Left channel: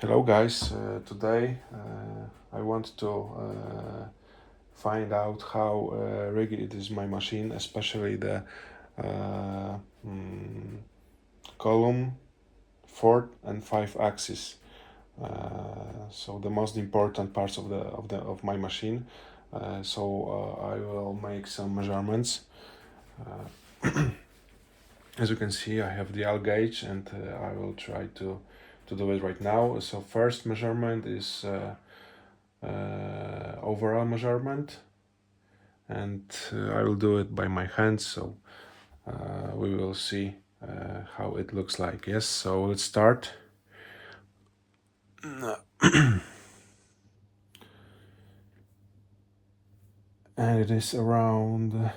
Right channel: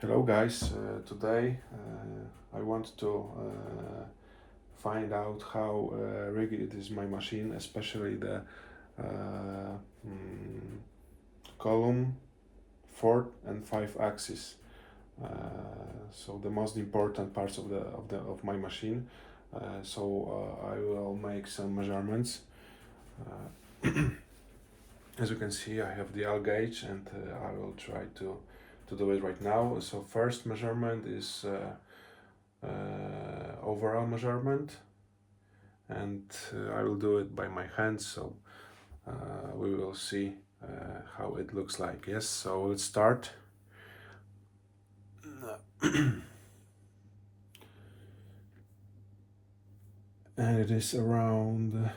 Hello guys, today I want to find out how rigid is my machine, especially the uh, mm, column, fourth and 5 axis. So the most important parts of my machine. I will make some measurements. As you can see, I have the L gauge, and I will try to do it right now. So first measurement is overall measurement, and I will do it by my hands, so we will see how it looks like. Yes, so let's start. And it is around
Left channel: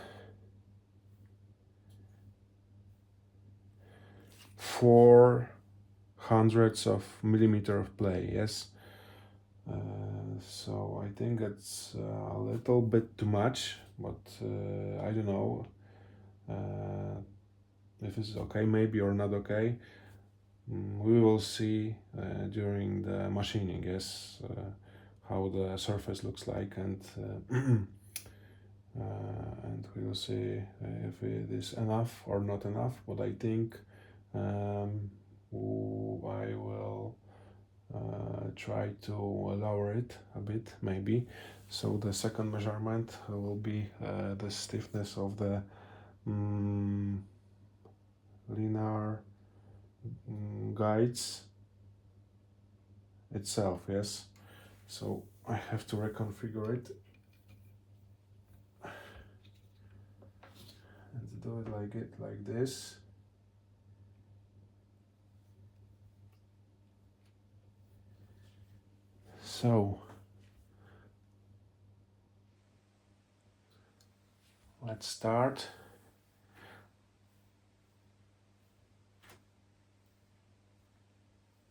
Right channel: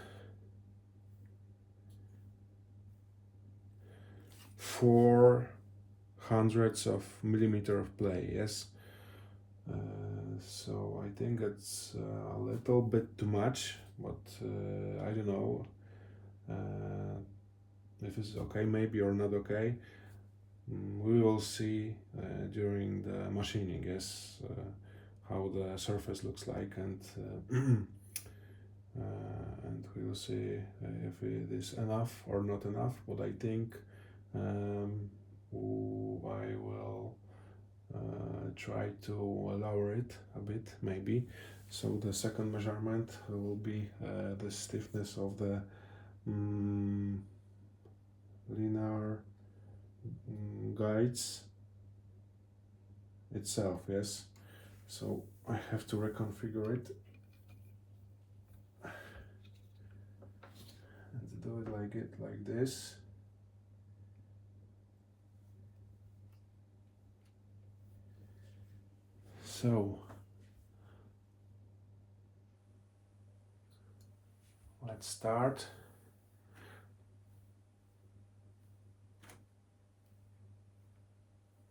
400ths of millimeter of play. Yes, so I think it's a little bit too much, but I don't know if it's okay, maybe, or not okay. We will see during the machining, yes, how the surface looks like, and we will see if it is enough or not enough. But I think I will try to lower it a bit, maybe. So the second measurement will be the stiffness of the linear guides itself. Yes, so I have to reconfigure it and do it like this. So let's start.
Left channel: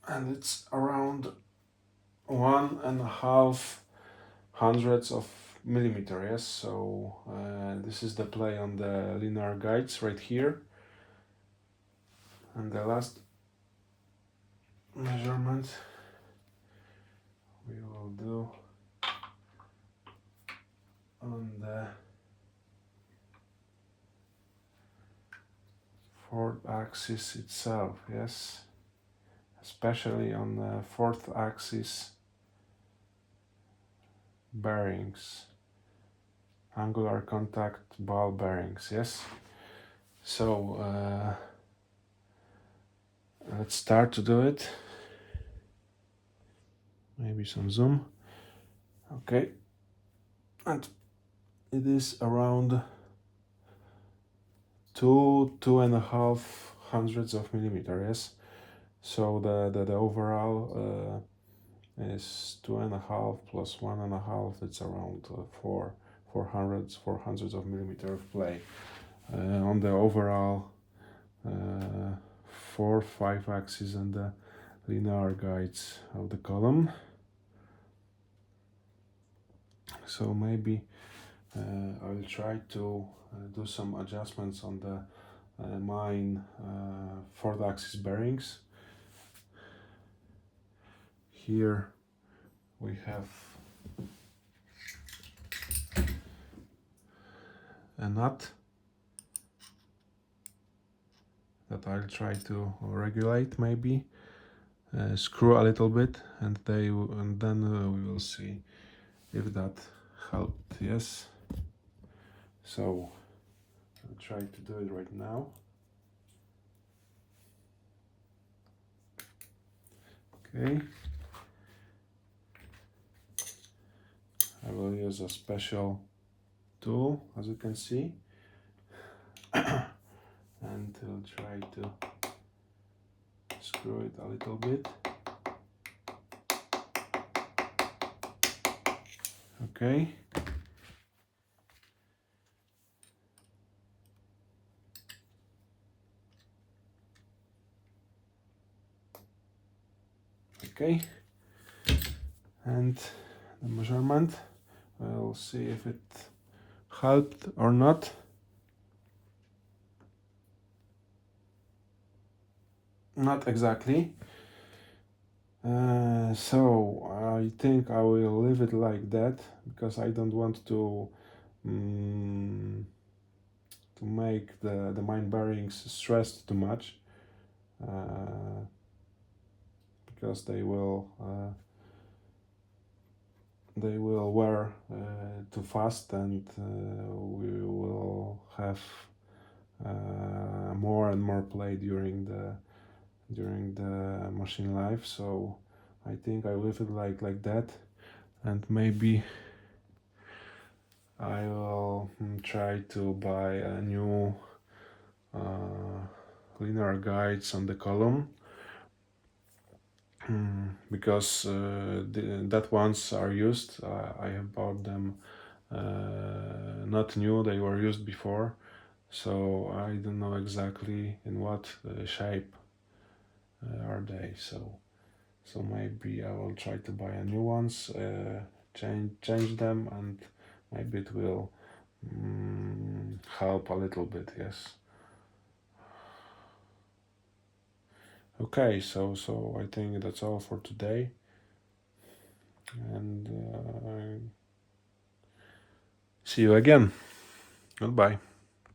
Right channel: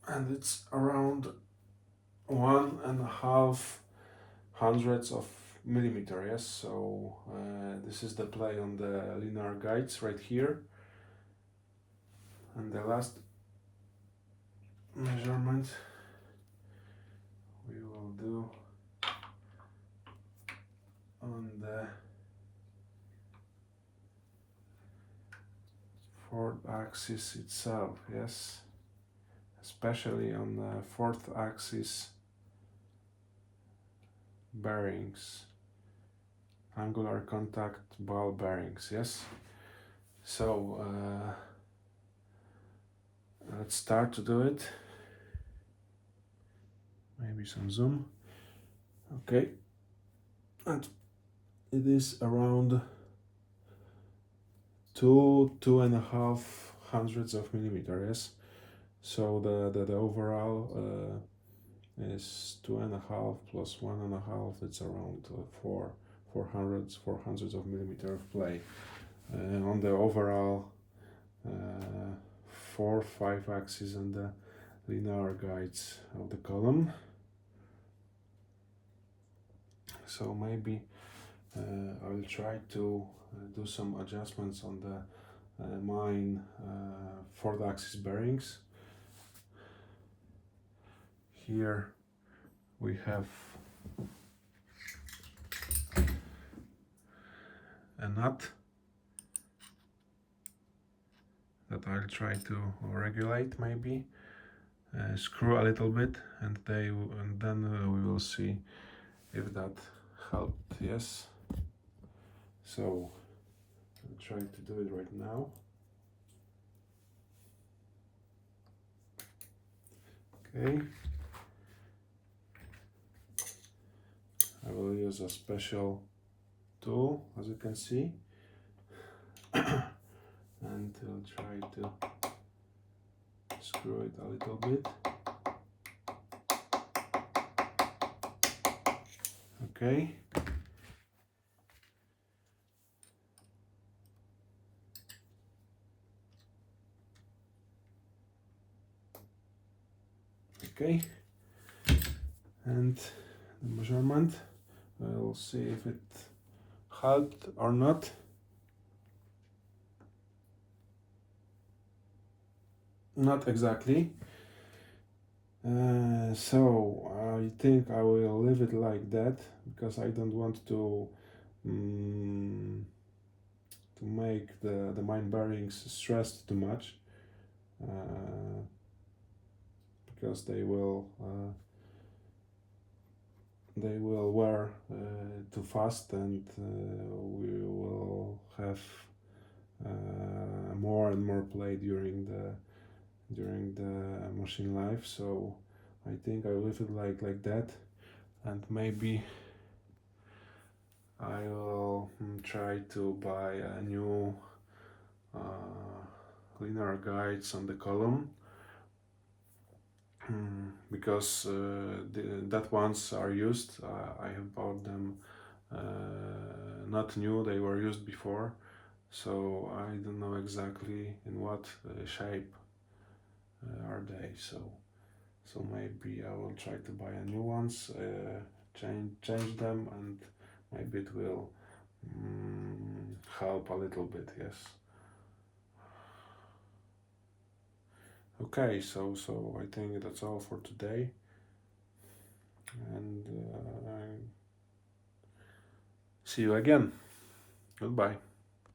And it's around 1.5 hundredths of millimeter. Yes, so this is the play on the linear guides right here, and the last measurement we will do on the fourth axis itself. Yes, especially on the fourth axis bearings, angular contact ball bearings. Yes, so let's start to do it. Maybe some zoom. Okay, and it is around 2.5 hundredths of millimeter. Yes, so the overall is 2.5 plus 1.5. It's around 400ths of millimeter of play on the overall 4-5 axis and the linear guides of the column. So maybe I will try to do some adjustments on the mine fourth axis bearings. Here we have a nut that I'll try to regulate, maybe screw a little bit, and then we will see if that helped. Yes, so I'll try to do it right now. Okay, I will use a special tool, as you can see, and I'll try to screw it a little bit. Okay. Okay, and the measurement, we'll see if it helped or not. Not exactly. So I think I will leave it like that because I don't want mm, to make the main bearings stressed too much, because they will wear too fast, and we will have more and more play during the machine life. So I think I leave it like that, and maybe I will try to buy a new linear guides on the column, because that ones are used. I have bought them not new, they were used before, so I don't know exactly in what shape are they. So maybe I will try to buy a new ones, change them, and maybe it will help a little bit. Yes. Okay, so I think that's all for today, and see you again. Goodbye.